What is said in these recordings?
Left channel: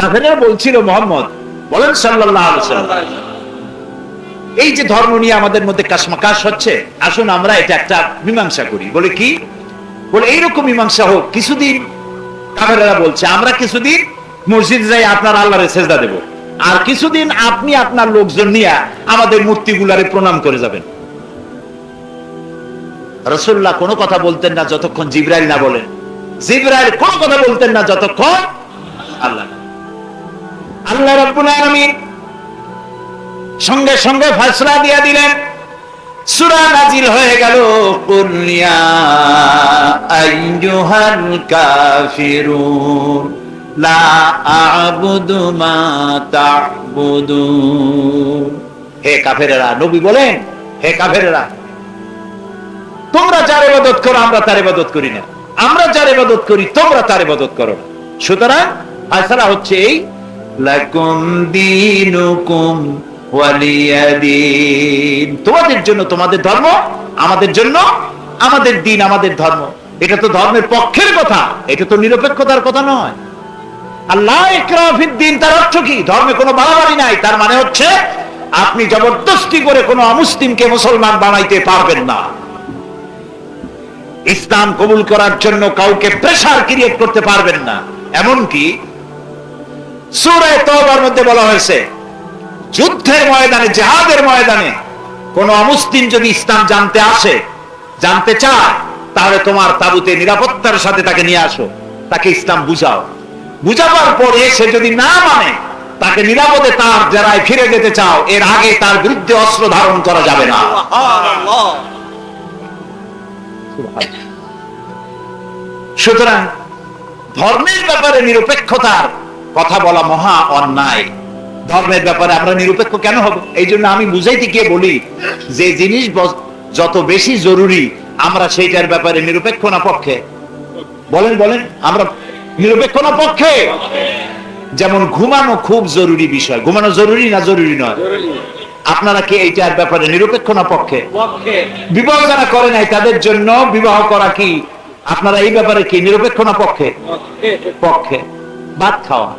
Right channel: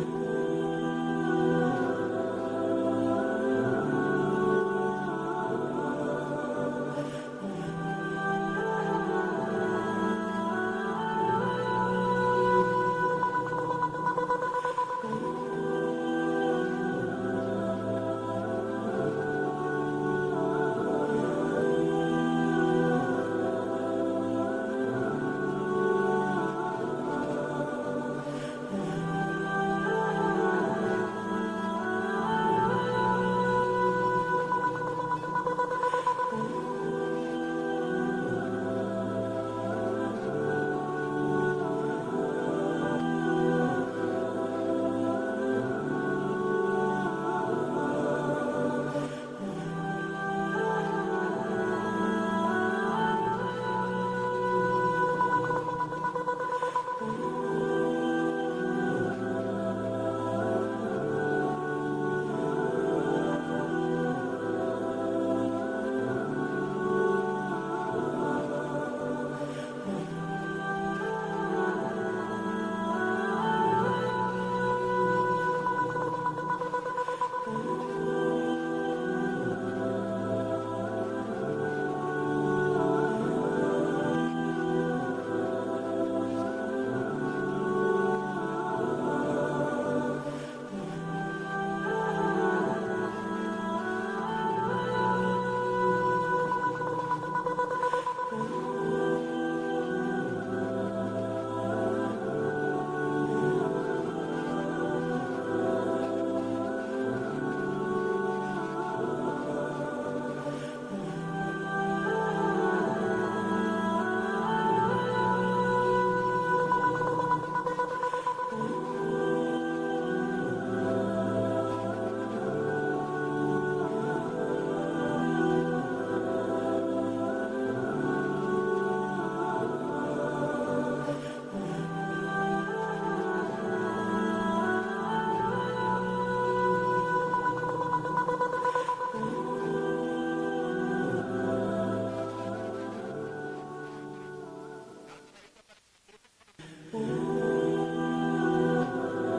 কাফেরা বলছিল, মোহাম্মদ, বলেন সাল্লাল্লাহু আলাইহি ওয়াসাল্লাম, এই যে ধর্ম নিয়ে আমাদের মধ্যে কাশমাকাশ হচ্ছে, আসুন আমরা এটা একটা মীমাংসা করি। বলে কি? বলে, এইরকম মীমাংসা হোক, কিছুদিন কাফেরা বলছে, আমরা কিছুদিন মসজিদ যাই, আপনার আল্লাহরে সেজদা দেব। আর কিছুদিন আপনি আপনার লোকজন নিয়ে আমাদের মূর্তিগুলারে প্রণাম করে যাবেন। রসুল্লাহ কোনো কথা বলতেন না, যতক্ষণ জিব্রাইল না বলেন। জিব্রাইল কোনো কথা বলতেন না, যতক্ষণ আল্লাহ। আল্লাহ রাব্বুল আলামিন সঙ্গে সঙ্গে ফয়সলা দিয়া দিলেন, সূরা নাজিল হয়ে গেল, কুল ইয়া আইয়ুহাল কাফিরুন, লা আ'বুদু মা তা'বুদুন। হে কাফেরেরা, নবী বলেন, হে কাফেরেরা, তোমরা যার ইবাদত করো, আমরা তার ইবাদত করি না। আমরা যার ইবাদত করি, তোমরা তার ইবাদত করো সুতরাং ফয়সালা হচ্ছে এই লাকুম দীনুকুম ওয়ালিয়াদিন। তোমাদের জন্য তোমাদের ধর্ম, আমাদের জন্য আমাদের দিন, আমাদের ধর্ম। এটা তো ধর্মের পক্ষের কথা, এটা তো নিরপেক্ষতার কথা নয়। আল্লাহ তার অর্থ কি? ধর্মে কোনো বাড়াবাড়ি নাই, তার মানে হচ্ছে আপনি জবরদস্তি করে কোনো অমুসলিমকে মুসলমান বানাইতে পারবেন না। ইসলাম কবুল করার জন্য কাউকে প্রেসার ক্রিয়েট করতে পারবেন না। এমনকি সুরায় তওবার মধ্যে বলা হয়েছে, যুদ্ধের ময়দানে ময়দানে কোন অমুসলিম যদি ইসলাম জানতে আসে, জানতে চায়, তাহলে তোমার তাবুতে নিরাপত্তার সাথে তাকে নিয়ে আসো, তাকে ইসলাম বুঝাও। বুঝাবার পরে সে যদি না মানে তাকে নিরাপদে তার ফিরে যেতে চাও, এর আগে তার বিরুদ্ধে অস্ত্র ধারণ করা যাবে না। সুতরাং ধর্মের ব্যাপারে নিরপেক্ষতার কথা বলা মহা অন্যায়। ধর্মের ব্যাপারে আমরা নিরপেক্ষ কেন হব? এই জন্য আমি বুঝাইতে গিয়ে বলি যে জিনিস যত বেশি জরুরি আমরা সেইটার ব্যাপারে নিরপেক্ষ না পক্ষে। বলেন বলেন আমরা নিরপেক্ষ না পক্ষে? যেমন ঘুমানো খুব জরুরি বিষয়। ঘুমানো জরুরি না জরুরি নয়? আপনারা কি এইটার ব্যাপারে নিরপেক্ষ না পক্ষে? বিবাহ যারা করে নাই তাদের জন্য বিবাহ করা কি? আপনারা এই ব্যাপারে কি নিরপেক্ষ না পক্ষে। পক্ষে। ভাত খাওয়া।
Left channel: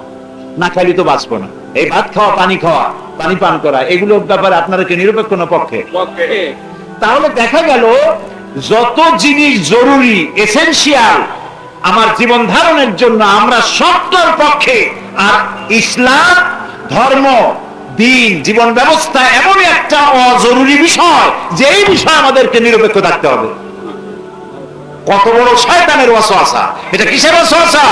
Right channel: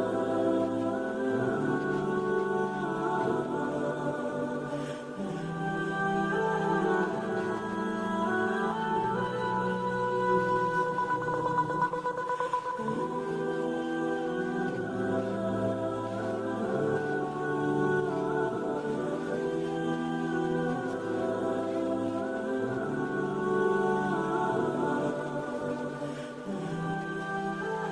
না খাইলে তো বাঁচবো না। এই ভাত খাওয়া পানি খাওয়া পানি পান করা এগুলোর ব্যাপারে আপনারা কি নিরপেক্ষ না পক্ষে। তাহলে দেখা গেল যত জিনিস জরুরি এসেনশিয়াল আমার জীবন ধারণের জন্য আমরা সত্তর পক্ষে। আর ইসলাম ধর্ম দিন জীবন ব্যবস্থা এমনই একটা অজরুরি বিষয় যে এই বিষয়ে আমাদেরকে নিরপেক্ষ থাকতে হবে। কত বড় শয়তানের ওয়াসওয়াসা। এটা কিসের ওয়াসওয়াসা?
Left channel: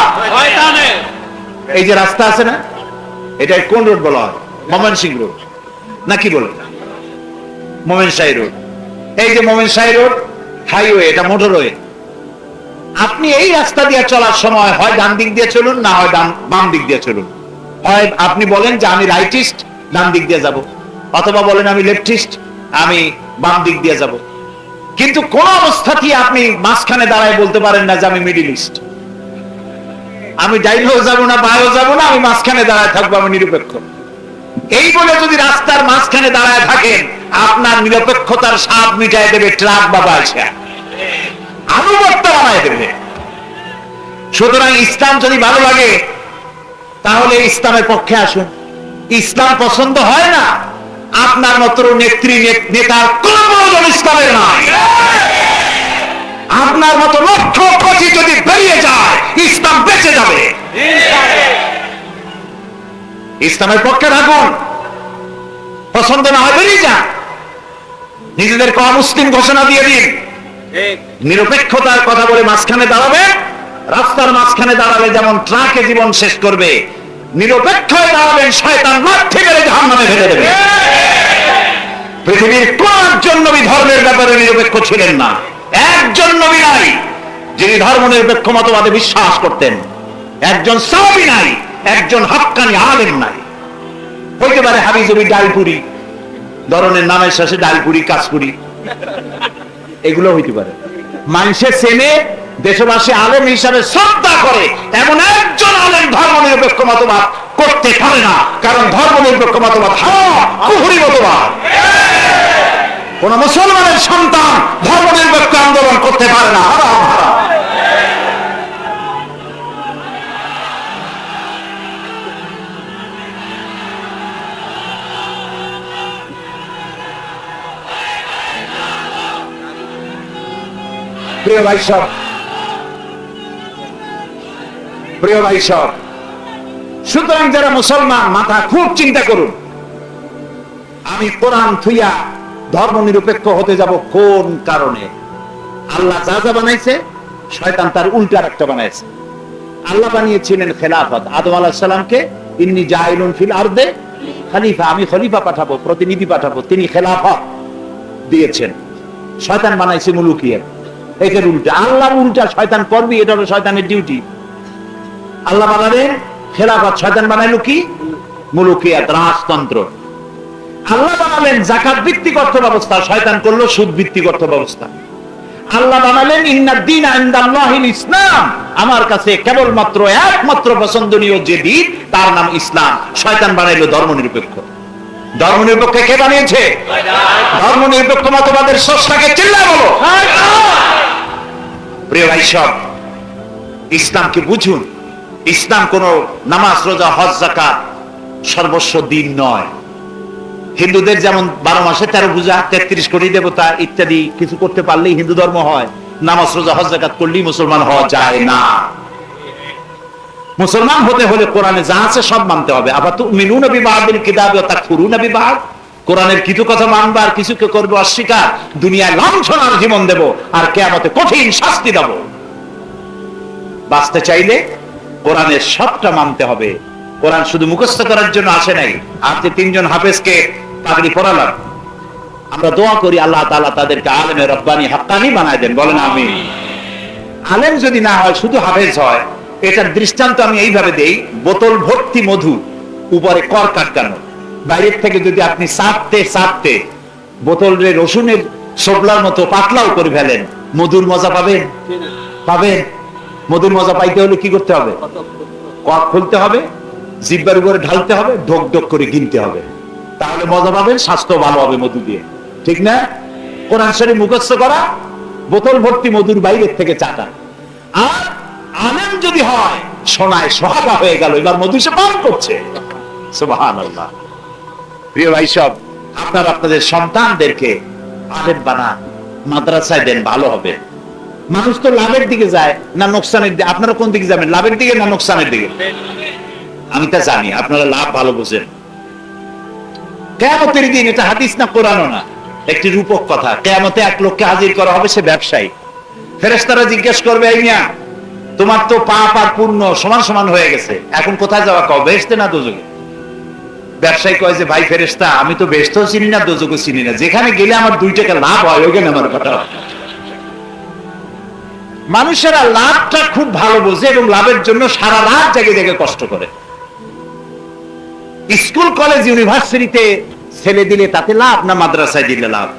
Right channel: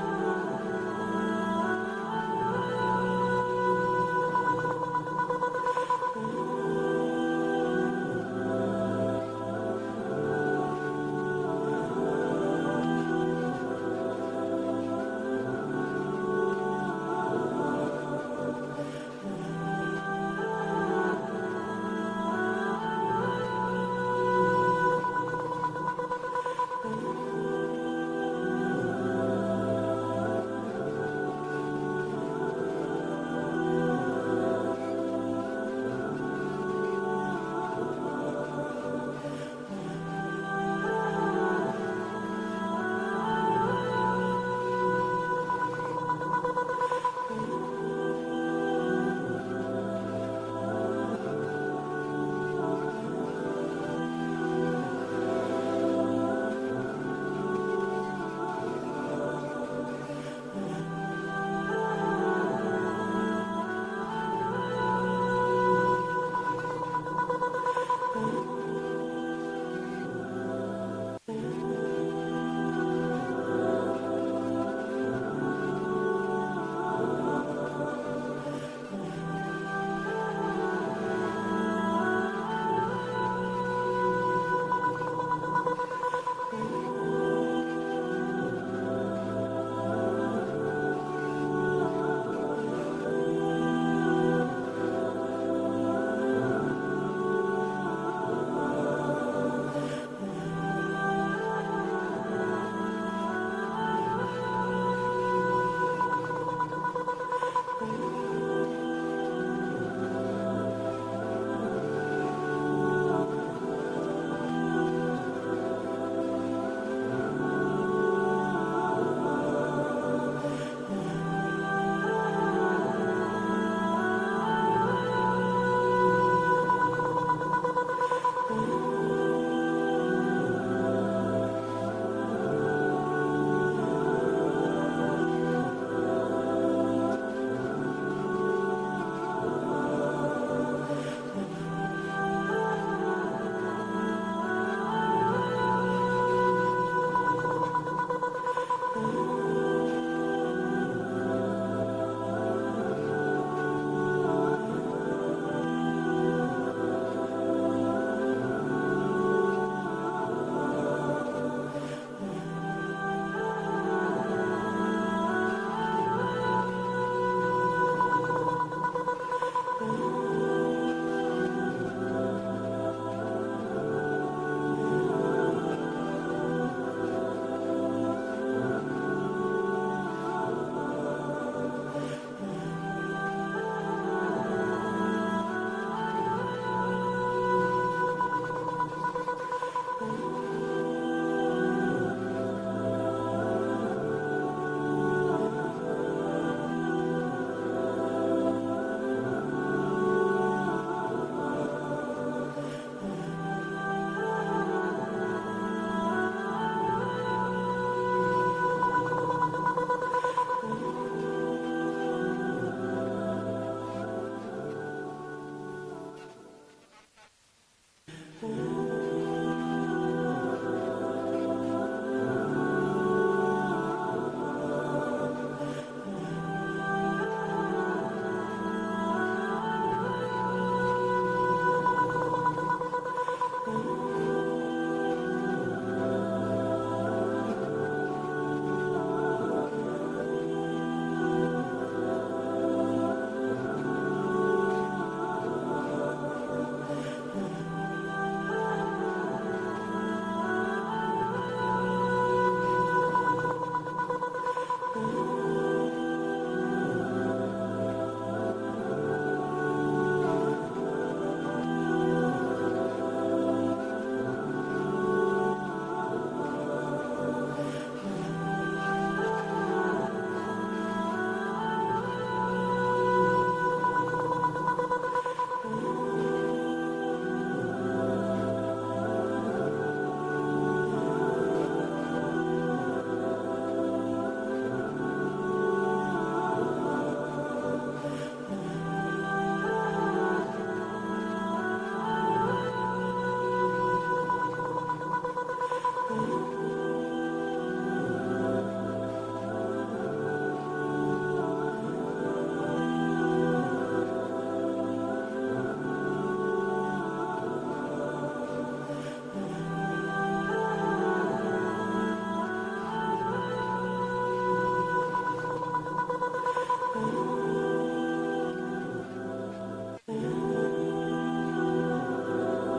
এই যে রাস্তা আছে না এটা কোন রোড বলা হয়? মোমেন সিং রোড। নাকি বলে মোমেন শাহী রোড। এই যে মোমেন শাহী রোড, হাইওয়ে, এটা মোটরওয়ে আপনি এই রাস্তা দিয়ে চলার সময় হয় ডান দিক দিয়ে চলুন, না হয় ডান বাম দিক দিয়ে চলুন? হয় আপনি বলেন যে আমি রাইটিস্ট ডান দিক দিয়ে যাব। অথবা বলেন আমি লেফটিস্ট আমি বাম দিক দিয়ে যাব। কিন্তু কোন অবস্থাতেই আপনি মাঝখানে দাঁড়ায় বলতে পারেন না যে আমি মিডিল ইস্ট আমি ডাইনেও যাব না বায়ও যাব না, আমি মাঝখানে দাঁড়ায় থাকব, আমি নিরপেক্ষ। এই বলে যদি রাস্তার মাঝখানে দাঁড়ায় থাকেন, আপনার নিরপেক্ষতার স্বাদ মিটায় দেবে ট্রাক বা বালসা। আনুগত্য বানায় দেবে। সুতরাং ইসলাম যদি ভালো লাগে, তাহলে ইসলামের পক্ষে আসুন। ইসলাম পছন্দ হয় না, আপনার মতো নেত্রী নেতার কোন প্রয়োজন ইসলামের নাই। আপনার মতো লক্ষ কোটি যদি বেরিয়ে যায়, ইসলাম বেঁচে যাবে। ইসলামের পক্ষে থাকুন পছন্দ না হয় বেরিয়ে যান। নিজেদেরকে অমুসলিম ঘোষণা দিয়ে দিন। নিরপেক্ষতার কথা বলে মাঝখানে দাঁড়াবে। রাস্তার মাঝখানে দাঁড়ালে যেমন ট্রাকে জীবন শেষ করবে নিরপেক্ষ দাঁড়াবেন শয়তান মাঠে গেলে জাহান্নামে ফেলে দেবে। পৃথিবীর কোন নবী ধর্মের ব্যাপারে নিরপেক্ষ ছিলেন না। একজন নবী নাই, যিনি ধর্ম নিরপেক্ষ মতবাদে বিশ্বাস করতেন। একজন সাহাবী নাই, একজন হাক্কানি আলেম নাই। হইতে পারে হাবিজবি ডালপুরি, ধরনের নামের শেষে ডালপুরি কাজপুরি এগুলো হইতে পারে। মানুষের সেনে দেশবাসী আলেম হিসাবে শ্রদ্ধা করে, এমন একজন আলেম ধর্ম নিরপেক্ষ মতবাদ করতে পারে না, কারণ ধর্ম নিরপেক্ষ মতবাদ কুহুরি মতবাদ কোন মুসলমানের সন্তান ধর্ম নিরপেক্ষ আন্দোলন করতে পারে না। প্রিয় ভাই সব, প্রিয় ভাই সব, সুতরাং যারা মুসলমান, মাথা খুব চিন্তা করুন। আমি কোরআন থুইয়া ধর্ম নিরপেক্ষ হতে যাব কোন কারণে? আল্লাহ যা যা বানাইছে, শয়তান তার উল্টা একটা বানাইছে। আল্লাহ বানিয়েছিলেন খেলাফত। আদম আলাহ সাল্লামকে ইন্নি জাহিলুন ফিল আরদে, খলিফা, আমি খলিফা পাঠাবো, প্রতিনিধি পাঠাবো, তিনি খেলাফত দিয়েছেন। শয়তান বানাইছে মুলুকিয়া এটার উল্টা। আল্লাহর উল্টা শয়তান করবি, এটা হলো শয়তানের ডিউটি আল্লাহ বানালেন খেলাফত। শয়তান বানাইলো কি? মুলুকিয়াত, রাজতন্ত্র। আল্লাহ বানালেন জাকাত ভিত্তিক অর্থ ব্যবস্থা শয়তান করল সুদ ভিত্তিক অর্থ ব্যবস্থা আল্লাহ বানালেন ইসলাম। আমার কাছে কেবলমাত্র একমাত্র পছন্দনীয় যে দিন তার নাম ইসলাম। শয়তান বানাইলো ধর্ম নিরপেক্ষ ধর্ম নিরপেক্ষ কে বানিয়েছে? ধর্ম নিরপেক্ষ মতবাদের স্রষ্টাকে চিল্লা বলো। প্রিয় ভাই সব, ইসলামকে বুঝুন। ইসলাম কোন নামাজ, রোজা, হজ জাকাত সর্বস্ব দিন নয়। হিন্দুদের যেমন বারো মাসে তেরো পূজা, তেত্রিশ কোটি দেবতা ইত্যাদি কিছু করতে পারলেই হিন্দু ধর্ম হয়, নামাজ, রোজা, হজ, জাকাত করলেই মুসলমান হওয়া যায় না। মুসলমান হতে হলে কোরআনে যা আছে সব মানতে হবে। আবার তো মিনুন বিবাহের কিতাব তা খুরুন বিবাহ কোরআনের কিছু কথা মানবা আর কিছুকে করব অস্বীকার। দুনিয়ায় লাঞ্ছনার জীবন দেব আর কেয়ামতে কঠিন শাস্তি দেব। বাঁচতে চাইলে কোরআনের সবটা মানতে হবে। কোরআন শুধু মুখস্থ করার জন্য আসে নাই। আজকে তিনজন হাফেজকে পাগড়ি পড়ালাম আমরা দোয়া করি আল্লাহ তাআলা তাদেরকে আলেমে রব্বানি হাক্কানি বানায় দেন। বলেন আমি আলেম যদি না হয়, শুধু হাফেজ হয়। এটার দৃষ্টান্ত আমি এইভাবে দেই, বোতল ভর্তি মধু, উপরে কর কাটকানো। বাইরের থেকে যদি আপনি চাপতে চাপতে বোতলের রসুনের সবলার মতো পাতলাও করে ফেলেন, মধুর মজা পাবেন? পাবেন। মধুর মজা পাইতে হলে কি করতে হবে? কর খুলতে হবে, জিব্বার উপরে ঢালতে হবে, ঢোক ঢোক করে কিনতে হবে। তাহলে মজা পাবেন, স্বাস্থ্য ভালো হবে মধু দিয়ে। ঠিক না? কোরআন শরীফ মুখস্থ করা, বোতল ভর্তি মধুর বাইরের থেকে চাটা। আর আলেম যদি হয়, সোনায় সোহাগা হয়ে গেল, এবার মধু সে পান করছে। প্রিয় ভাই সব, আপনার আপনাদের সন্তানদেরকে আলেম বানান মাদ্রাসায় দেন, ভালো হবে। মানুষ তো লাভের দিকে যায়, না নোকসানের দিকে? আপনারা কোন দিকে যাবেন, লাভের দিকে না নোকসানের দিকে? আমি তা জানি, আপনারা লাভ ভালো বোঝেন। কেমতের দিন এটা হাদিস না কোরআনও না। একটি রূপক কথা কেমতে এক লোককে হাজির করা হবে সে ব্যবসায়ী। ফেরেস্তারা জিজ্ঞেস করবে মিয়া, তোমার তো পাপ আর পূর্ণ সমান সমান হয়ে গেছে, এখন কোথায় যাওয়া? কও বেসতে না দোজকে ব্যবসায়ী কয় যে, ভাই ফেরেস্তা আমি তো বেসতেও চিনি না দোজকে চিনি না। যেখানে গেলে আমার দুই টাকা লাভ হয়, ওইখানে আমার কথা মানুষেরা লাভটা খুব ভালো বোঝে এবং লাভের জন্য সারা রাত জেগে জেগে কষ্ট করে। স্কুল, কলেজ, ইউনিভার্সিটিতে ছেলে দিলে তাতে লাভ না মাদ্রাসায় দিলে লাভ?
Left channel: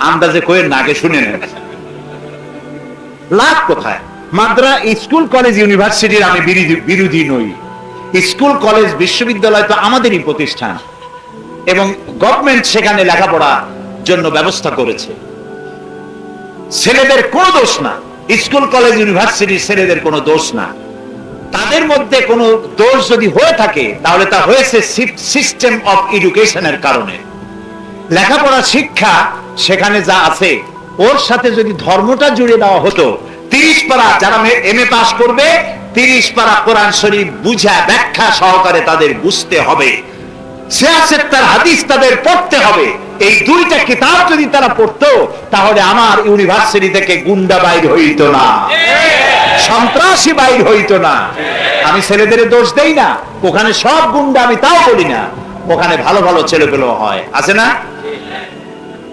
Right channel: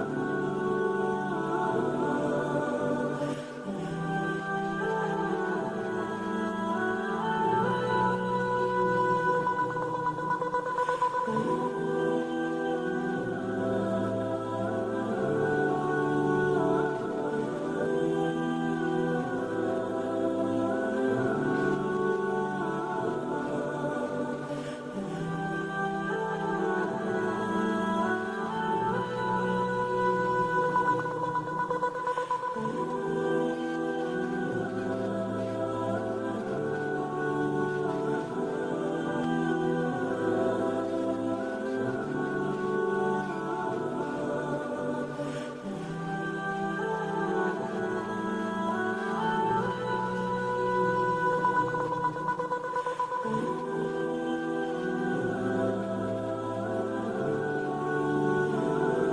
আন্দাজে কয়ে না আগে শুনে নেন লাভ কোথায়? মাদ্রা, স্কুল, কলেজ, ইউনিভার্সিটির আমি বিরোধী নই। স্কুল, কলেজ, বিশ্ববিদ্যালয় তো আমাদেরই প্রতিষ্ঠান। এবং গভর্নমেন্ট সেখানে লেখাপড়া জন্য ব্যবস্থা করেছে। ছেলেদের কোনো দোষ না। স্কুল, কলেজ, ইউনিভার্সিটির ছেলেদের কোনো দোষ না। তাদের মধ্যে কোনো দোষ যদি হয়ে থাকে, তাহলে তা হয়েছে সিস্টেম অফ এডুকেশনের কারণে। লেখাপড়া, শিক্ষা, সেখানে যা আছে, ওর সাথে যদি ধর্মটা জুড়ে দেওয়া হতো, তিরিশ পারা যারা এম এ পাস করবে, তিরিশ পারা কোরআন শরীফ বুঝা, ব্যাখ্যা সহকারে তাদের বুঝতে হবে। আমি ছেলেদের দোষ দেই না। ওখানে সব গুন্ডা, আমি তাও বলি না। ওখানে ভালো ভালো ছেলে পেলেও হয়। আছে না?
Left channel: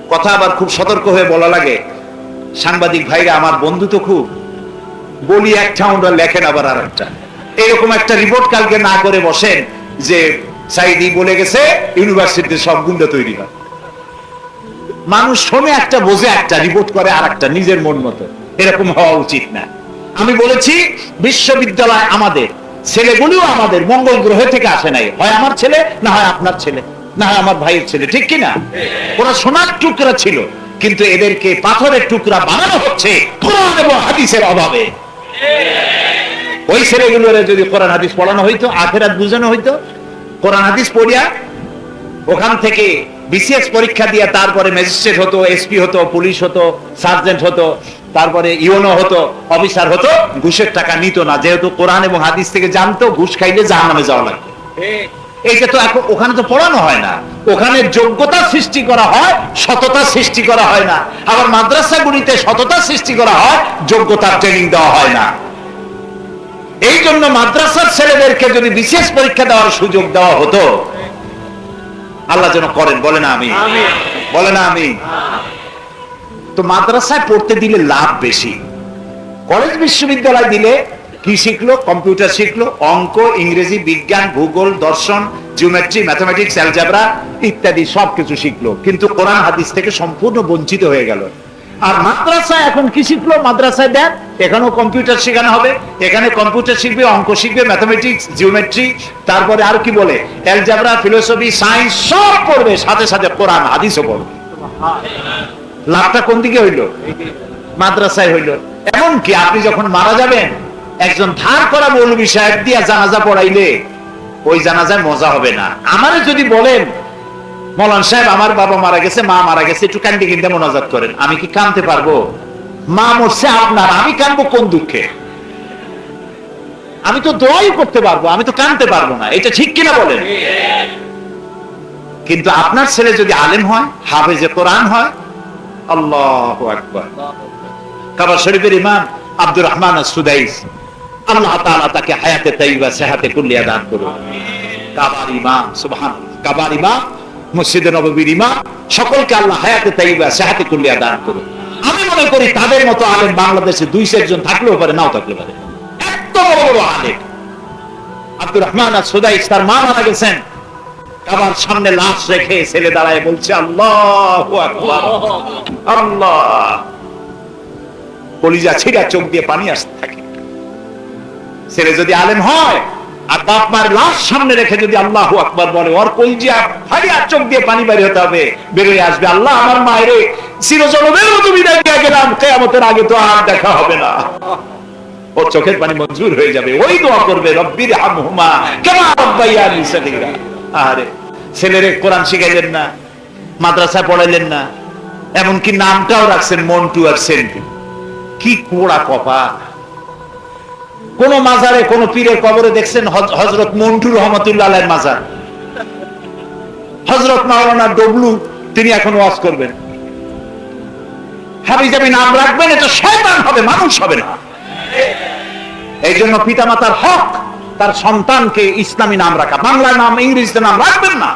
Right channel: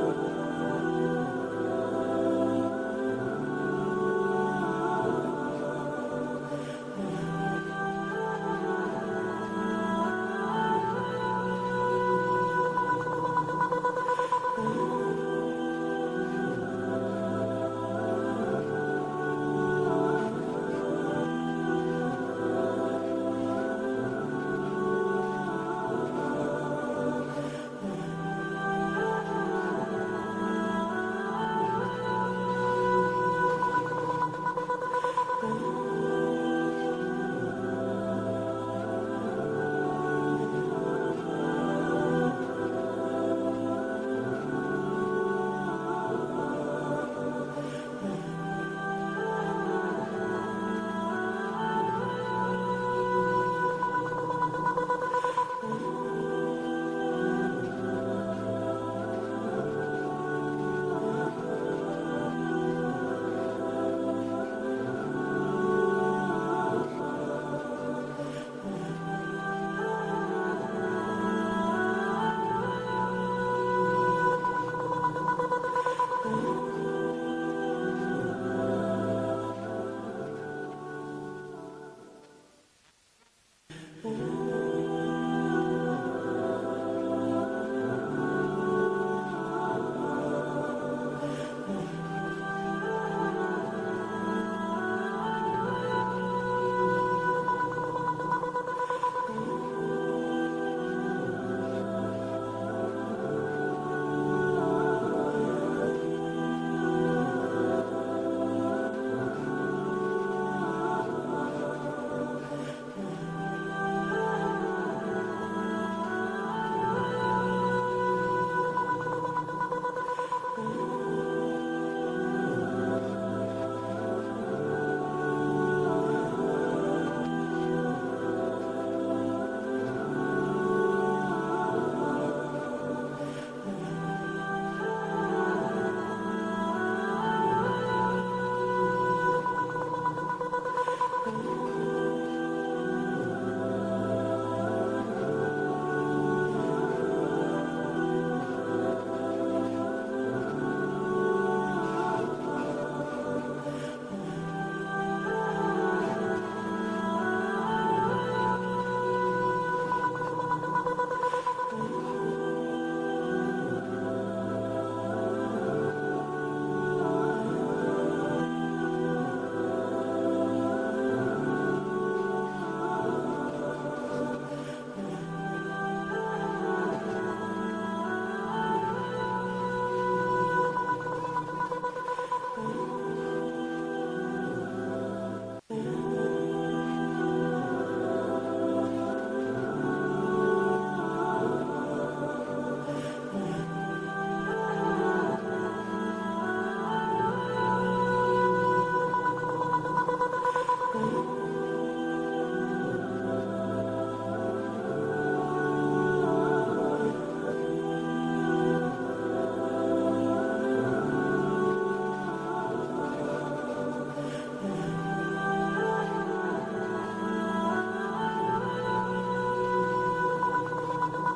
কথা আবার খুব সতর্ক হয়ে বলা লাগে। সাংবাদিক ভাইরা, আমার বন্ধু তো খুব। বলি একটা লেখেন আবার আর একটা এরকম একটা রিপোর্ট কালকে না করে বসেন যে সাইদি বলে গেছে, ইউনিভার্সিটিতে সব গুন্ডা তৈরি হয়। মানুষ শোনে একটা বোঝে, একটা রিপোর্ট করে আর একটা নিজের মন মতো। এরকম হওয়া উচিত না। আমি বলেছি, বিশ্ববিদ্যালয় আমাদের, ছেলেগুলিও আমাদের, মঙ্গল গ্রহ থেকে আসে নাই। হয় আমার ছেলে, না হয় আপনার ছেলে, না হয় আমার ভাইয়ের ছেলে, ঠিক কিনা ওরা সোনার টুকরা ছিল, কিন্তু এদেরকে পাথরের টুকরা বানানো হচ্ছে কোরআন এবং হাদিসের অভাবে। ওই ছেলেগুলোর যদি কোরআন, হাদিস পড়ানো হইতো, আখেরাত বুঝানো হইতো কোরআন হাদিস পড়িয়া ওখান থেকে বিসিএস পরীক্ষা দিয়ে তারপরে ম্যাজিস্ট্রেট হতো এসপি হতো পুলিশ হতো সার্জেন্ট হতো, তারপরে ইউনো হতো অফিসার হতো, ঘুষের টাকা নিত না। যেহেতু কোরআন এবং হাদিস থেকে জানতো, ঘুষ খাইলে জাহান নামে যাওয়া লাগবে এইটা তো এখন ওখানে তো পড়ানো হয় না। ওখানে যোগ্যতা সৃষ্টি করা হয়, সততা সৃষ্টি করা হয় না। আবার মাদ্রাসাগুলিতে সততা সৃষ্টি করা হয়, যোগ্যতার ট্রেনিং দেওয়া হয় না। এই জন্য মাদ্রাসার ছেলেদেরকে যদি বিশেষ পরীক্ষা দেওয়ার সুযোগ দেওয়া হতো, আল্লাহ যেন করেন, বলে না আমি। বলে না আমি। তো মাদ্রাসায় পড়তে দিলে লাভ বেশি। কলেজ বিশ্ববিদ্যালয় দিলে কি শিখলো? কম্পিউটার শিখলো, অঙ্ক, ইংরেজি, বিজ্ঞান, ভূগোল, দর্শন, জিওমেট্রি, ম্যাথমেটিক্স, অ্যালজাবরা ইত্যাদি সবকিছু শিখলো। কিন্তু কোরআন হাদিস থেকে সম্পূর্ণ বঞ্চিত হয়ে গেল। আর মাদ্রাসায় এখন কি শিখলো? মাদ্রাসায় দেন এখানেও কম্পিউটার শেখানো হবে, এখানে কম্পিউটার শিখবে, অঙ্ক শিখবে ম্যাথমেটিক্স জিওমেট্রি তারপরে আর কি বলে? অ্যালজাবরা ফিলোসফি সায়েন্স সব পড়বে, সাথে সাথে কোরআন, হাদিসও পড়বে। লাভটা কোন দিকে হইল? মাদ্রাসায় হইল। এমনকি আপনি যখন মারা যাবেন, একজন ধার করা মৌলবী সাহেব দিয়া জানাজা পড়াইলে, ওই জানাজায় মজা হবে না। আমারে যদি বলেন মলান সাহেব, আমার বাবা মারা গেছে, মা মারা গেছে, একটু কান্দি কিনতে মোনাজাত করেন। আমি কি কানতে পারব? মা মরছে আপনার, আমি কানবো কোন দুঃখে? আমি তো দোয়াই করতে পারব, আমি তো কানতে পারব না। এটা ঠিক কিনা বলেন? কিন্তু আপনার ছেলে যদি আলেম হয়, হাফেজে কোরআন হয়, আল্লাহ আকবার। কাবা শরীফের ইমাম আব্দুর রহমান সুদাইস আল্লাহ তাআলা তাকে হায়াতে তাইবা সেহাতে কুল্লিয়া দান করুন। কাবার ইমাম সুবহান কাবার ইমাম মসজিদে নববীর ইমাম, সকলকে আল্লাহ হায়াতে তাইবা সেহাতে কুল্লিয়া দান করুন আমি মনে করি তাদের মতো আলেম বাংলাদেশে দুই চারজন থাকলেও পারে, নাও থাকলে পারে। এত বড় বড় আলেম। আব্দুর রহমান আর তার মা মারা গেছেন। কাবার সামনে লাশ রেখে ছেলে দাঁড়ায় বলছে, আল্লাহ আল্লাহ। কলিজা চোখ দিয়ে পানি আসতে থাকে। ছেলে যদি আলেম হয় আর বাপ মার লাশ সামনে রেখে যদি আল্লাহ আকবার বলে, ওর কলিজা ফাড়িয়া চোখ দিয়ে পানি বের হতে হবে, বেরোয় আসবে। আল্লাহ আমার মায়ের চিরজনমের মতো বিদায় দিয়ে গেলাম, কেয়ামতের আগে তো আর দেখা হবে না। ওর চোখের পানি মঞ্জুর হয়ে যাবে। ওই দোয়া করবে রব্বির হামহুমা কেমা রব্বাইয়ানি সগীরা। আরে ছেলেরে কোরআন শিখাইলেন না, মাদ্রাসায় পড়াইলেন না, এমনকি নামটাও রাখছেন, মন্টু আর সেন্টু। কি কোড়া কপা কোন মাজারে, কোন পীরের কবরে দেখছেন হজরত মন্টু রহমতুল্লাহ মাজার। হজরত মাওলানা ডবলু, তিনি এখন ওয়াজ করবেন। হাবিজাবি নাম রাখবেন এটা শয়তান হবে, মানুষ হবে না। এই জন্য পিতামাতার হক, তার সন্তানকে ইসলামী নাম রাখা। বাংলা নাম, ইংরেজিতে নাম রাখবেন না।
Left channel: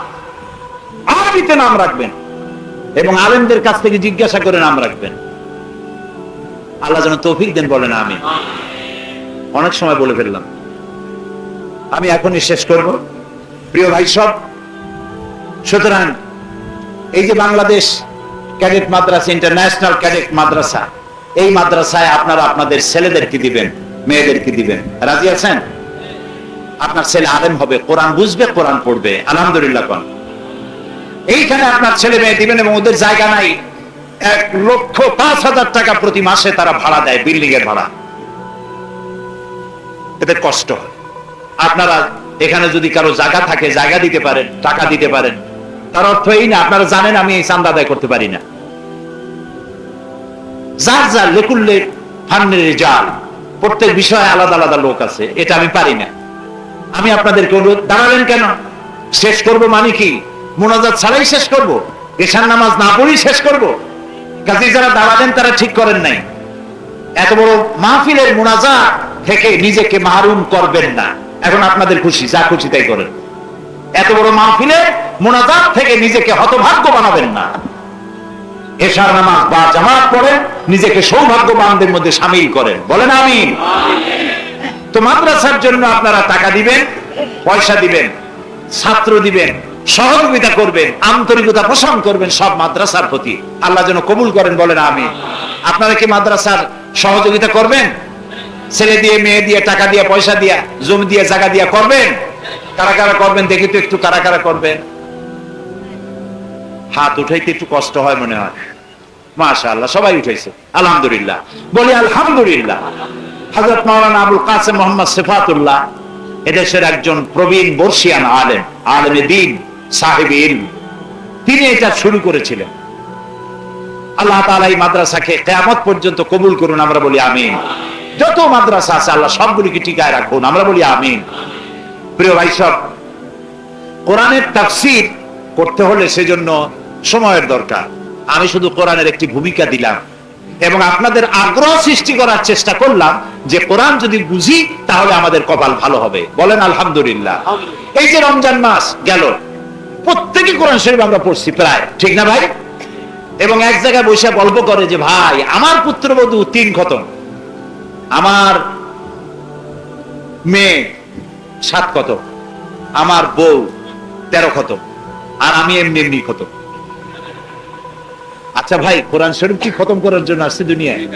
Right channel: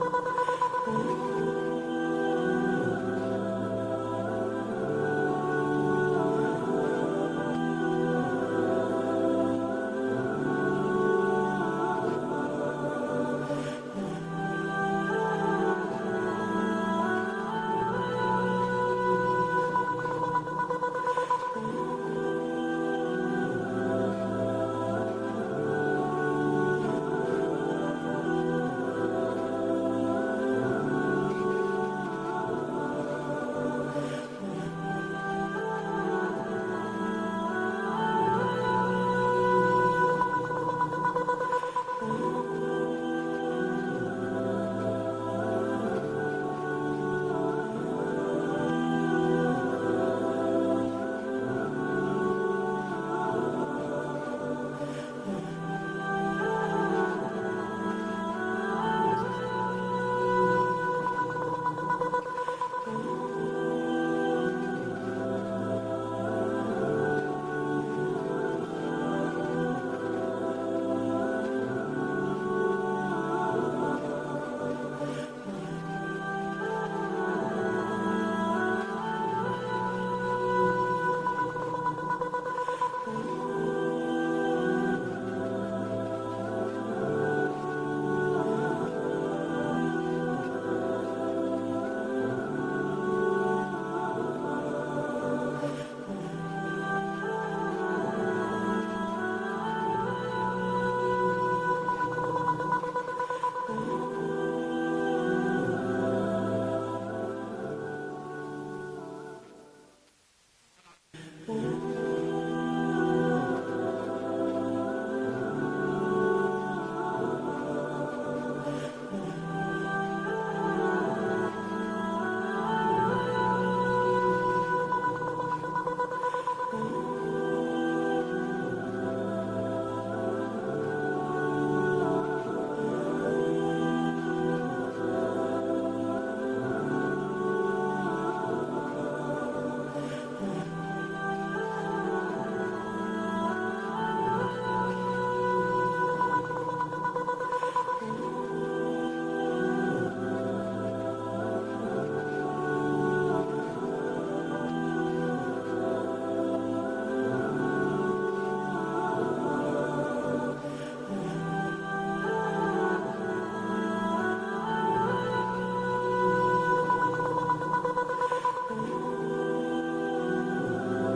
আরবিতে নাম রাখবেন। এবং আলেমদের কাছ থেকে জিজ্ঞাসা করে নাম রাখবেন। আল্লাহ যেন তৌফিক দেন, বলেন আমি অনেক সময় বলে ফেললাম। আমি এখনই শেষ করব। প্রিয় ভাই সব, সুতরাং এই যে Bangladesh cadet Madrasa, international cadet Madrasa, এই মাদ্রাসায় আপনারা আপনাদের ছেলেদেরকে দিবেন, মেয়েদেরকে দিবেন। রাজি আছেন? আপনার ছেলে আলেম হবে, কোরআন বুঝবে, কোরআন পড়বে, আলহামদুলিল্লাহ কোন। এইখানে আপনার ছেলে মেয়ে দিবেন এবং ওদের জায়গা নাই। এক লক্ষ পাঁচ হাজার টাকা প্রতি মাসে তারা ভাড়া দেয় বিল্ডিং এর ভাড়া। এদের কষ্ট। আপনারা এখানে যদি কারও জায়গা থাকে, জায়গা দিতে পারেন, টাকা দিতে পারেন, তার অর্থ এই না, আপনারা জানেন আমি এই চান্দা আদায় করতে পারি না। যার যার লেকুল্লে ফান্নের জাল, প্রত্যেক বিষয়ে আলাদা আলাদা লোক আছে, এটা আমি পারি না। আমি আপনাদেরকে অনুরোধ, দাঁড়াবেন কেন? শেষ করব মানে কি? মোনাজাত ছাড়াই শেষ করব? এশার নামাজ না পড়েই শেষ করব? কাজে যারা দাঁড়াবেন তারা ঠিক করেন নাই। এত বড় মাহফিলের মোনাজা থেকে নিজেকে মাহরুম করবেন না। এখন আপনাদের খুশি, যা খুশি তাই করেন। এত বড় মাহফিলে মোনাজাত থেকে নিজেকে হতভাগ্য বানাবেন না। এশার নামাজ বা জামাত পড়েন, নিজেকে সৌভাগ্যবানদের মধ্যে সামিল করেন। বলেন আমি তো মাদ্রাসার জন্য আপনারা টাকা দিবেন, পয়সা দিবেন, ছাত্র দিবেন, সহযোগিতা করবেন, আন্তরিকতা পোষণ করবেন সব মাদ্রাসার প্রতি। আল্লাহ যেন কবুল করেন, বলেন আমি আপনারা কি মাদ্রাসার সহযোগিতা করবেন? ছেলে দিয়ে, মেয়ে দিয়ে, টাকা দিয়ে, পয়সা দিয়া, জমি দিয়ে, জায়গা দিয়ে করবেন? কারা কারা করবেন দেখি তো একটু, কারা কারা করবেন? হাত উঠাইতে একটু কষ্ট হয় মনে হয়। মাশা আল্লাহ সবাই উঠেছে আলহামদুলিল্লাহ। বলি আলহামদুলিল্লাহ। মাওলানা আবুল কাসেম মোহাম্মদ সিফাতুল্লাহ এদেশের একজন প্রবীণ বর্ষিয়ান আলেম দিন, সাহেব তিনি এটা শুরু করেছিলেন। আল্লাহ তাআলা এই মাদ্রাসাকে কিয়ামত পর্যন্ত কবুল করুন, আমরা বলি আমিন। যত মাদ্রাসা আছে আল্লাহ সবগুলিকে টিকায় রাখুন। আমরা বলি আমিন। প্রিয় ভাই সব কোরআনের তাফসীর করতে হলে সেজন্য সময়ের দরকার। আমি শুধু কোরআনের একটি ভূমিকা দিলাম এবং আপনাদের আগ্রহ সৃষ্টি করার চেষ্টা করলাম যে কোরআন যদি বুঝি তাহলে আমাদের কপাল ভালো হবে। বলেন আলহামদুলিল্লাহ। এই যে রমজান মাস গেল প্রত্যেকে কোরআন শরীফ আমরা পড়ছি প্রায় ঠিক না ভাই? এবং এক জায়গায় বসে গল্প করে যে ভাই আমার পুত্রবধূ তিন খতম। আমার মেয়ে সাত খতম আমার বউ তেরো খতম আর আমি এমনি এমনি খতম আচ্ছা ভাই, কোরআন শরীফ কি খতম করার জন্য আসছে দুনিয়ায়?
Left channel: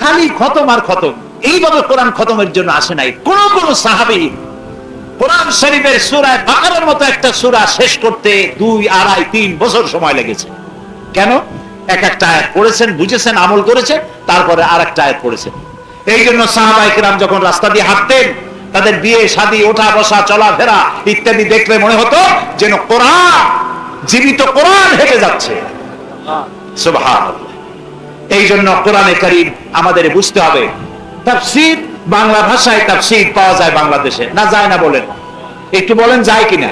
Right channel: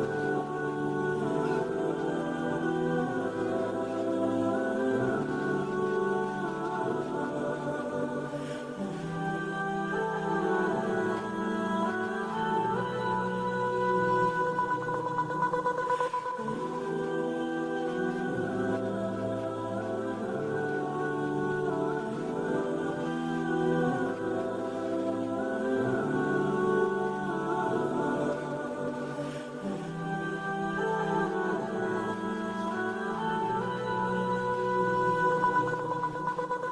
খালি খতম আর খতম। এইভাবে কোরআন খতমের জন্য আসে নাই। কোন কোন সাহাবি কোরআন শরীফের সুরায় বাকারের মতো একটা সুরা শেষ করতে দুই, আড়াই, তিন বছর সময় লেগেছে। কেন? এক একটা আয়াত পড়েছেন বুঝেছেন আমল করেছেন তারপরে আর একটা আয়াত পড়েছেন। এই জন্য সাহাবাইকেরাম যখন রাস্তা দিয়ে হাঁটতেন তাদের বিয়ে শাদী ওঠা বসা চলাফেরা ইত্যাদি দেখলে মনে হতো যেন কোরআন জীবিত কোরআন হেঁটে যাচ্ছে। এই জন্য কোরআনে কারিম আমাদের বুঝতে হবে তাফসীর বাংলা ভাষায় তাফসীর পাওয়া যায় বাংলাদেশে না যায় না বলেন? একটু বলেন যায় কিনা?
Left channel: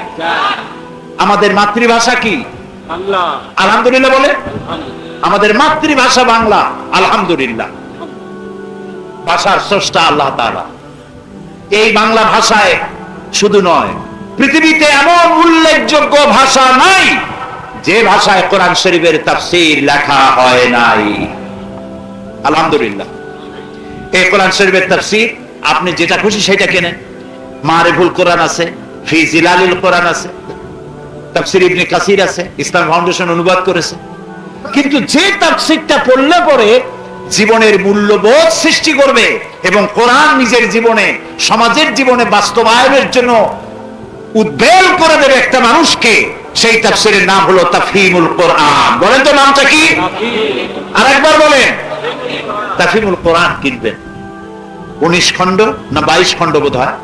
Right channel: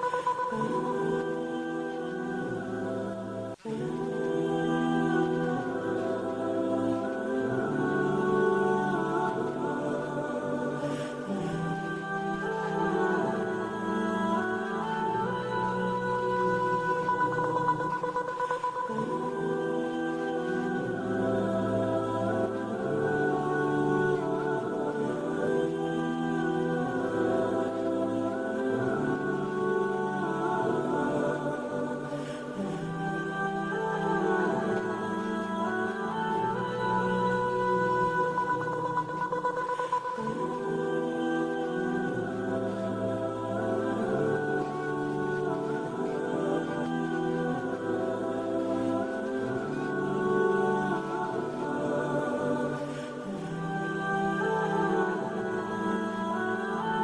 আমাদের মাতৃভাষা কি? আলহামদুলিল্লাহ বলে আমাদের মাতৃভাষা বাংলা, আলহামদুলিল্লাহ। ভাষার স্রষ্টা আল্লাহ তাআলা। এই বাংলা ভাষায় শুধু নয়, পৃথিবীতে এমন উল্লেখযোগ্য ভাষা নাই যে ভাষায় কোরআন শরীফের তাফসীর লেখা হয় নাই। আলহামদুলিল্লাহ। এই কোরআন শরীফের তাফসীর, আপনি যেটা খুশি সেটা কেনেন। মারিফুল কোরআন আছে ফি কোরআন আছে, তাফসীর ইবনে কাসির আছে, ইসলাম ফাউন্ডেশন অনুবাদ করেছে। কিন্তু যে তাফসীরটা পড়লে পরে জীবনের মূল্যবোধ সৃষ্টি করবে এবং কোরআন নিজের জীবনে, সমাজের জীবনে বাস্তবায়নের জন্য উদ্বেল করে দেবে একটা মানুষকে, সেই তাফসীরের নাম হলো তাফহিমুল কোরআন। বলেন তো নামটা কি? আরেকবার বলেন। তাফহিমুল কোরআন কিনবেন। উনিশ খণ্ড না বাইশ খণ্ড বোধ হয়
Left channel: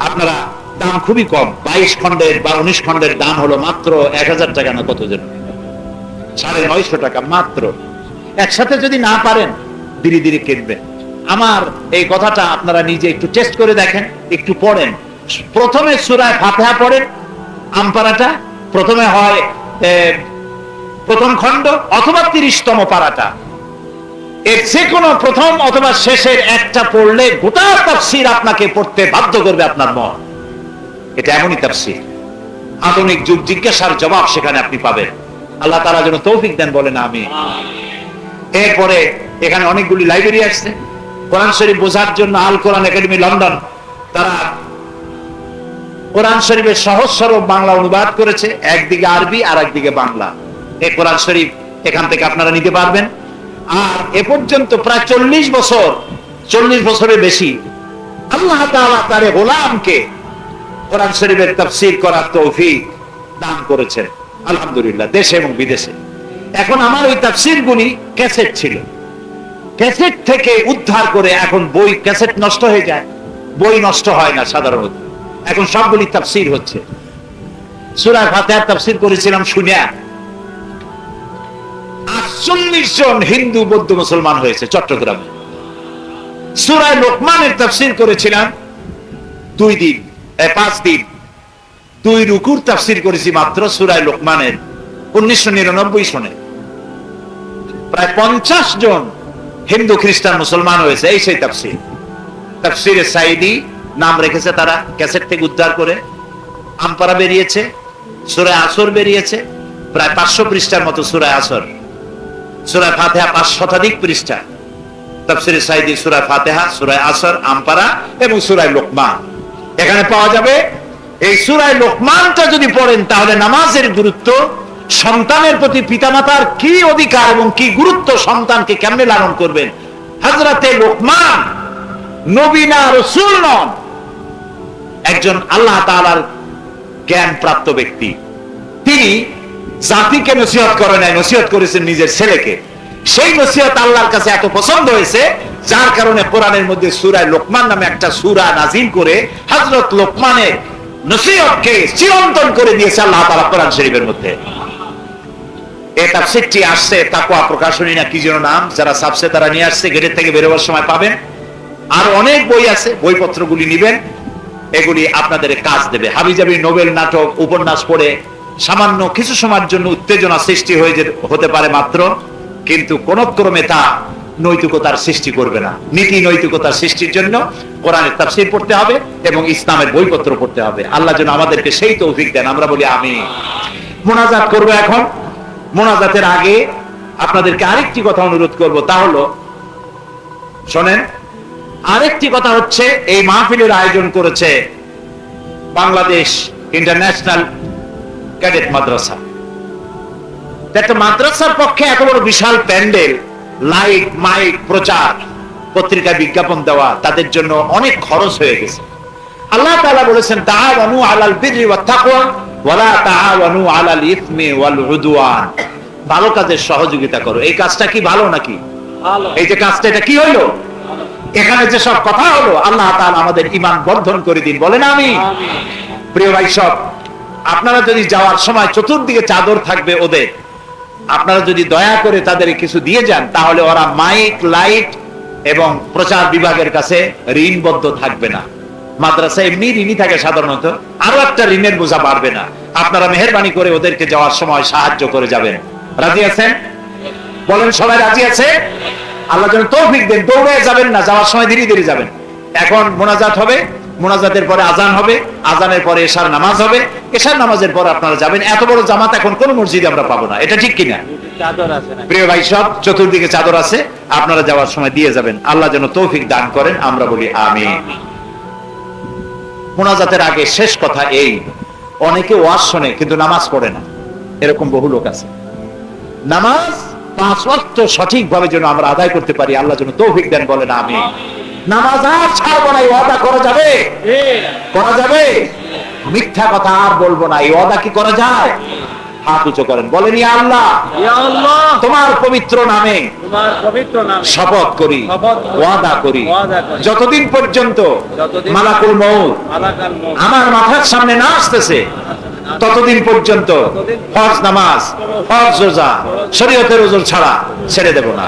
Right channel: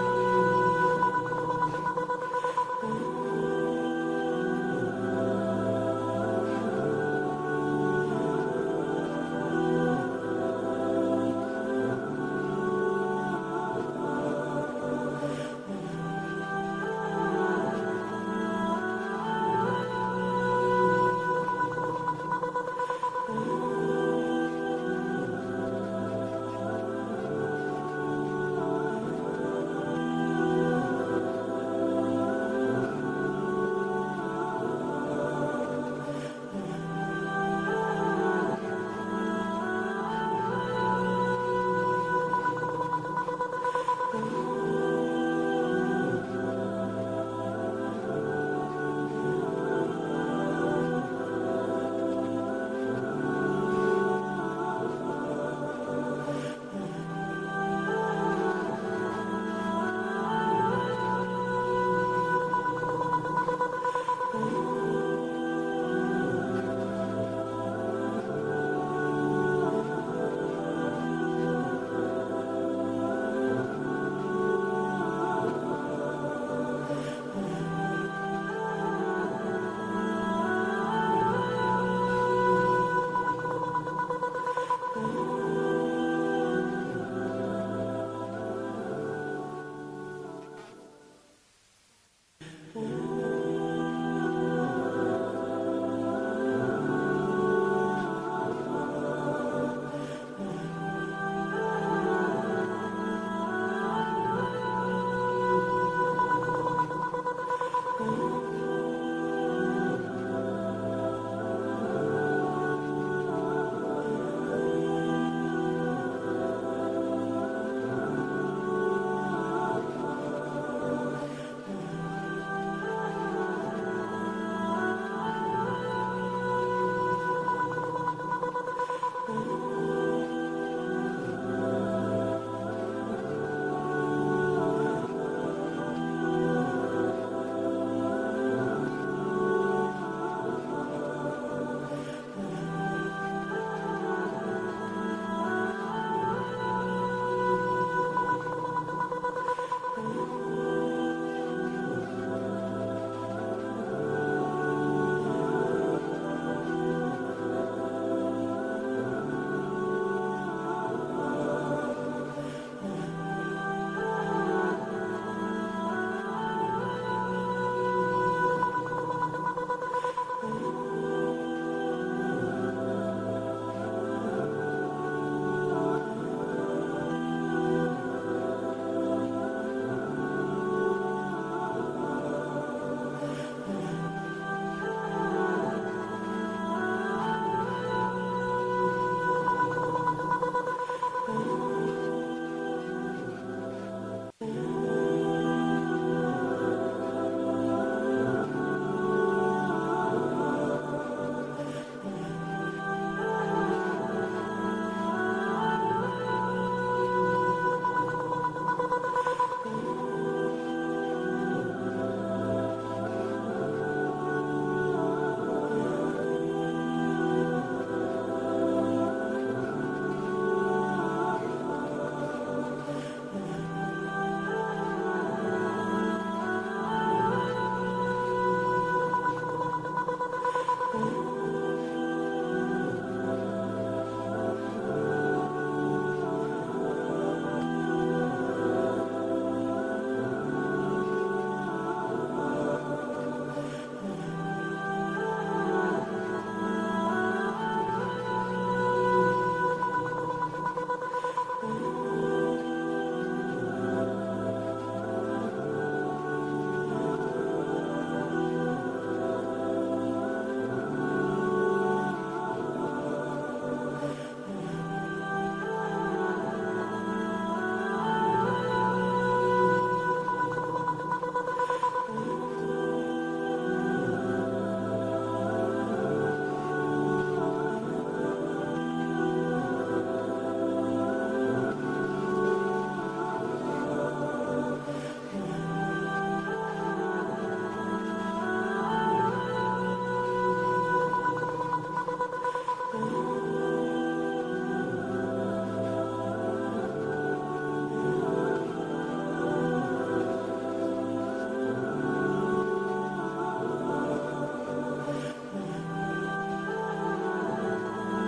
আপনারা দাম খুবই কম। বাইশ খণ্ডের বা উনিশ খণ্ডের দাম হলো মাত্র এক হাজার টাকা না কত জন সাড়ে নয়শো টাকা মাত্র। একসাথে যদি না পারেন, ধীরে ধীরে কিনবেন আমার এই কথাটা আপনারা নিজে একটু টেস্ট করে দেখেন, একটু পড়েন। প্রথমে সুরায় ফাতেহা পড়েন আমপারাটা প্রথমে হয় প্রথম খণ্ড অথবা তিরিশতম পারাটা এর যে কোনো প্রথম অথবা শেষের একটা পড়লে গোটা তাফসির আপনাকে পড়তে বাধ্য করবে আপনার মন। এটা এমনই তাফসির। আধুনিক যুগ, জিজ্ঞাসার জবাব সেখানে আপনি পাবেন। আল্লাহ তারা যেন তৌফিক দেন বলেন আমি এরপরে এখানে অনেকগুলি লাইব্রেরি আসছে কোরআন শরীফ বোঝার জন্য আল কোরআন একাডেমি লন্ডন, তারা কোরআন শরীফের সহজ সরল বাংলা অনুবাদ করেছে, একদিকে আরবি আর একদিকে বাংলা। এই কোরআন শরীফ এখান থেকে আপনারা নিতে পারবেন। আর এ পর্যন্ত প্রায় চল্লিশ বছর, চল্লিশ বছরের বেশি আল্লাহ তার গোলামকে কোরআন শরীফের তাফসীর করার তৌফিক দান করেছেন। আলহামদুলিল্লাহ, দেশে এবং বিদেশে। এখন আমার ওই তাফসীর গুলি ক্যাসেট ছিল। ক্যাসেট থেকে উদ্ধার করে এখন বই, ক্যাসেট নষ্ট হয়ে যায়। বই নষ্ট হয় না সাধারণত। এখন সবগুলি তাফসীর হচ্ছে। সূরা ফাতিহার তাফসীর করেছিলাম শুনিয়া। আটচল্লিশ জন হিন্দু, বৌদ্ধ, মুসলমান হয়েছে চট্টগ্রামে। সুরায় লোকমানের তাফসীর করেছিলাম দুই দিন পাঁচ দিন। দুই রুকুর তাফসীর করেছি মাত্র সুরায় লোকমানের, উনিশশো নিরানব্বই সনে। প্রায় পঞ্চাশ জন হিন্দু, খ্রিস্টান, মুসলমান হয়েছে এই সেই তাফসীর। তাফসীরে সাইদি নাম রেখেছে তারা, ক্যাসেট থেকে উদ্ধার করে। আমপারা বেরিয়েছে সুরায় আসর বেরিয়েছে, প্রায় পাঁচশো পৃষ্ঠার মতো সুরায় আসর। সুরায় ফাতেহা পাঁচ শতাধিক পৃষ্ঠা। তাফসিরে সাইদি সুরায় ফাতেহা সুরায় আসর, আমপারা এবং সুরায় লোকমান। এখানে পাওয়া যাবে এই সুরায় লোকমানটা যদি পড়েন, তাহলে নামাজের গুরুত্ব, সন্তানের প্রতি পিতামাতার কি অধিকার এবং কি গুরুত্ব সন্তানকে কেমনে লালন করবেন? হাজরাতে লোকমান নবীনা রসুল নন। একজন আল্লাহ তাআলার জ্ঞান প্রাপ্ত ব্যক্তি। তিনি জাতিকে নসিহত করে নাই, নসিহত করেছেন নিজের ছেলেকে। সেই নসিহত আল্লাহর কাছে এত পছন্দ হয়েছে, যার কারণে কোরআনের মধ্যে সুরায় লোকমান নামে একটা সুরা নাজিল করে হজরত লোকমানের নসিহতকে চিরন্তন করে দিয়েছে আল্লাহ তাআলা কোরআন শরীফের মধ্যে। আসছে প্রকাশনী না, কি যেন নাম, যারা সাবসে তারা নিয়ে আসছে গেটের থেকে বেরোবার সময় পাবেন। আর অনেক বই আছে, বইপত্রগুলি নিবেন, এগুলি আপনাদের কাজ দেবে। হাবিজাবি নোবেল নাটক, উপন্যাস পড়ে সামান্য কিছু সময়ের জন্য উত্তেজনা সৃষ্টি হয়ে হতে পারে মাত্র, কিন্তু কোন ক্রমে তা নৈতিকতার সৃষ্টি করবে না। নীতি নৈতিকতার সৃষ্টির জন্য কোরআনের তাফসীর পড়তে হবে এবং ইসলামের বইপত্র পড়তে হবে। আল্লাহ যেন আমাদেরকে সেই তৌফিক দেন, আমরা বলি আমি মোনাজাত করব এখন। মোনাজাতের আগে আপনাদেরকে আরেকটি কথা অনুরোধ করব, তা হলো, শোনেন, আরেকটি কথা হচ্ছে, এই মাহফিলের আয়োজন করেছে বাংলাদেশ ইন্টারন্যাশনাল ক্যাডেট মাদ্রাসা। একটা মাদ্রাসার পক্ষে এত বড় বিশাল প্যান্ডেল। লাইট মাইক প্রচার পত্রিকা বিজ্ঞাপন দেওয়া তাদের জন্য অনেক খরচ হয়ে গেছে। আল্লাহ তাআলা বলেছেন তাআওয়ানু আলাল বিররি ওয়াত তাকওয়া ওয়ালা তাআওয়ানু আলাল ইসমি ওয়াল উদওয়ান। ভালো কাজের সহযোগিতা করো। এই কাজটা কি ভালো নাকি? ভালো। এই যে কাজটা এটা কি হইল? এখানে যে সব কথা হলো আল্লাহ তাআলা আমাদের ঈমান বর্ধন করে দিন। বলেন আমি। প্রিয় ভাই সব আপনারা যদি যাওয়ার সময় চতুর্দিকে চাদর থাকবে ওদের আপনারা যদি দয়া করে তাদের কিছু দিয়ে যান, তাহলে ওরা মাইক, লাইট এবং প্রচার বিভাগের কাছে ঋণবদ্ধ থাকবে না। মাদ্রাসা এমনি ঋণই থাকে সাধারণত, আরও একটা ঋণের বোঝা বাড়বে না। আপনারা মেহরবানি করে ওদেরকে যাওয়ার সময় সাহায্য করে যাবেন। রাজি আছেন? বলেন, সবাই রাজি আছে? আল্লাহ যেন তৌফিক দেন দৌড়ে যাবেন না, যাওয়ার সময় ধীরে ধীরে যাবেন। এখন মোনাজাত হবে। মোনাজাতের পরে আজান হবে আজানের পরে এশার নামাজ হবে। এশার নামাজের পর আপনারা যাবেন। এত বড় জামাত এখন কোন মসজিদে আমরা পাবো না। এটা ঠিক কিনা? প্রিয় ভাই সব চতুর্দিকে চাদর আছে। আপনারা যাওয়ার সময় দিয়ে যাবেন। আল্লাহ যেন তৌফিক দান করেন। আমরা বলি আমি মোনাজাতের আগে শেষ কথা এই। অনেকে ওয়াজ শোনে কিন্তু নামাজ পড়ে না। এরকম বহু লোক আছে। নামাজ পাঁচ ওয়াক্ত সঠিক ভাবে যেন আমরা আদায় করতে পারি আল্লাহ যেন তৌফিক দেন বলেন আমি নামাজ আর ছাড়বো না এই ওয়াদা করা যাবে? করা যাবে? মিথ্যা কথা আর বলব না এই ওয়াদা কি করা যায়? হাত উঁচু করেন বলেন আল্লাহ। তোমার পবিত্র নামে শপথ করি ওয়াদা করি। যতদিন পর্যন্ত মালাকুল মৌত আমার মাথার সামনে না আসতেছে ততদিন পর্যন্ত ফরজ নামাজ ফরজ রোজা শরীয়তের ছাড়া ছেড়ে দেব না।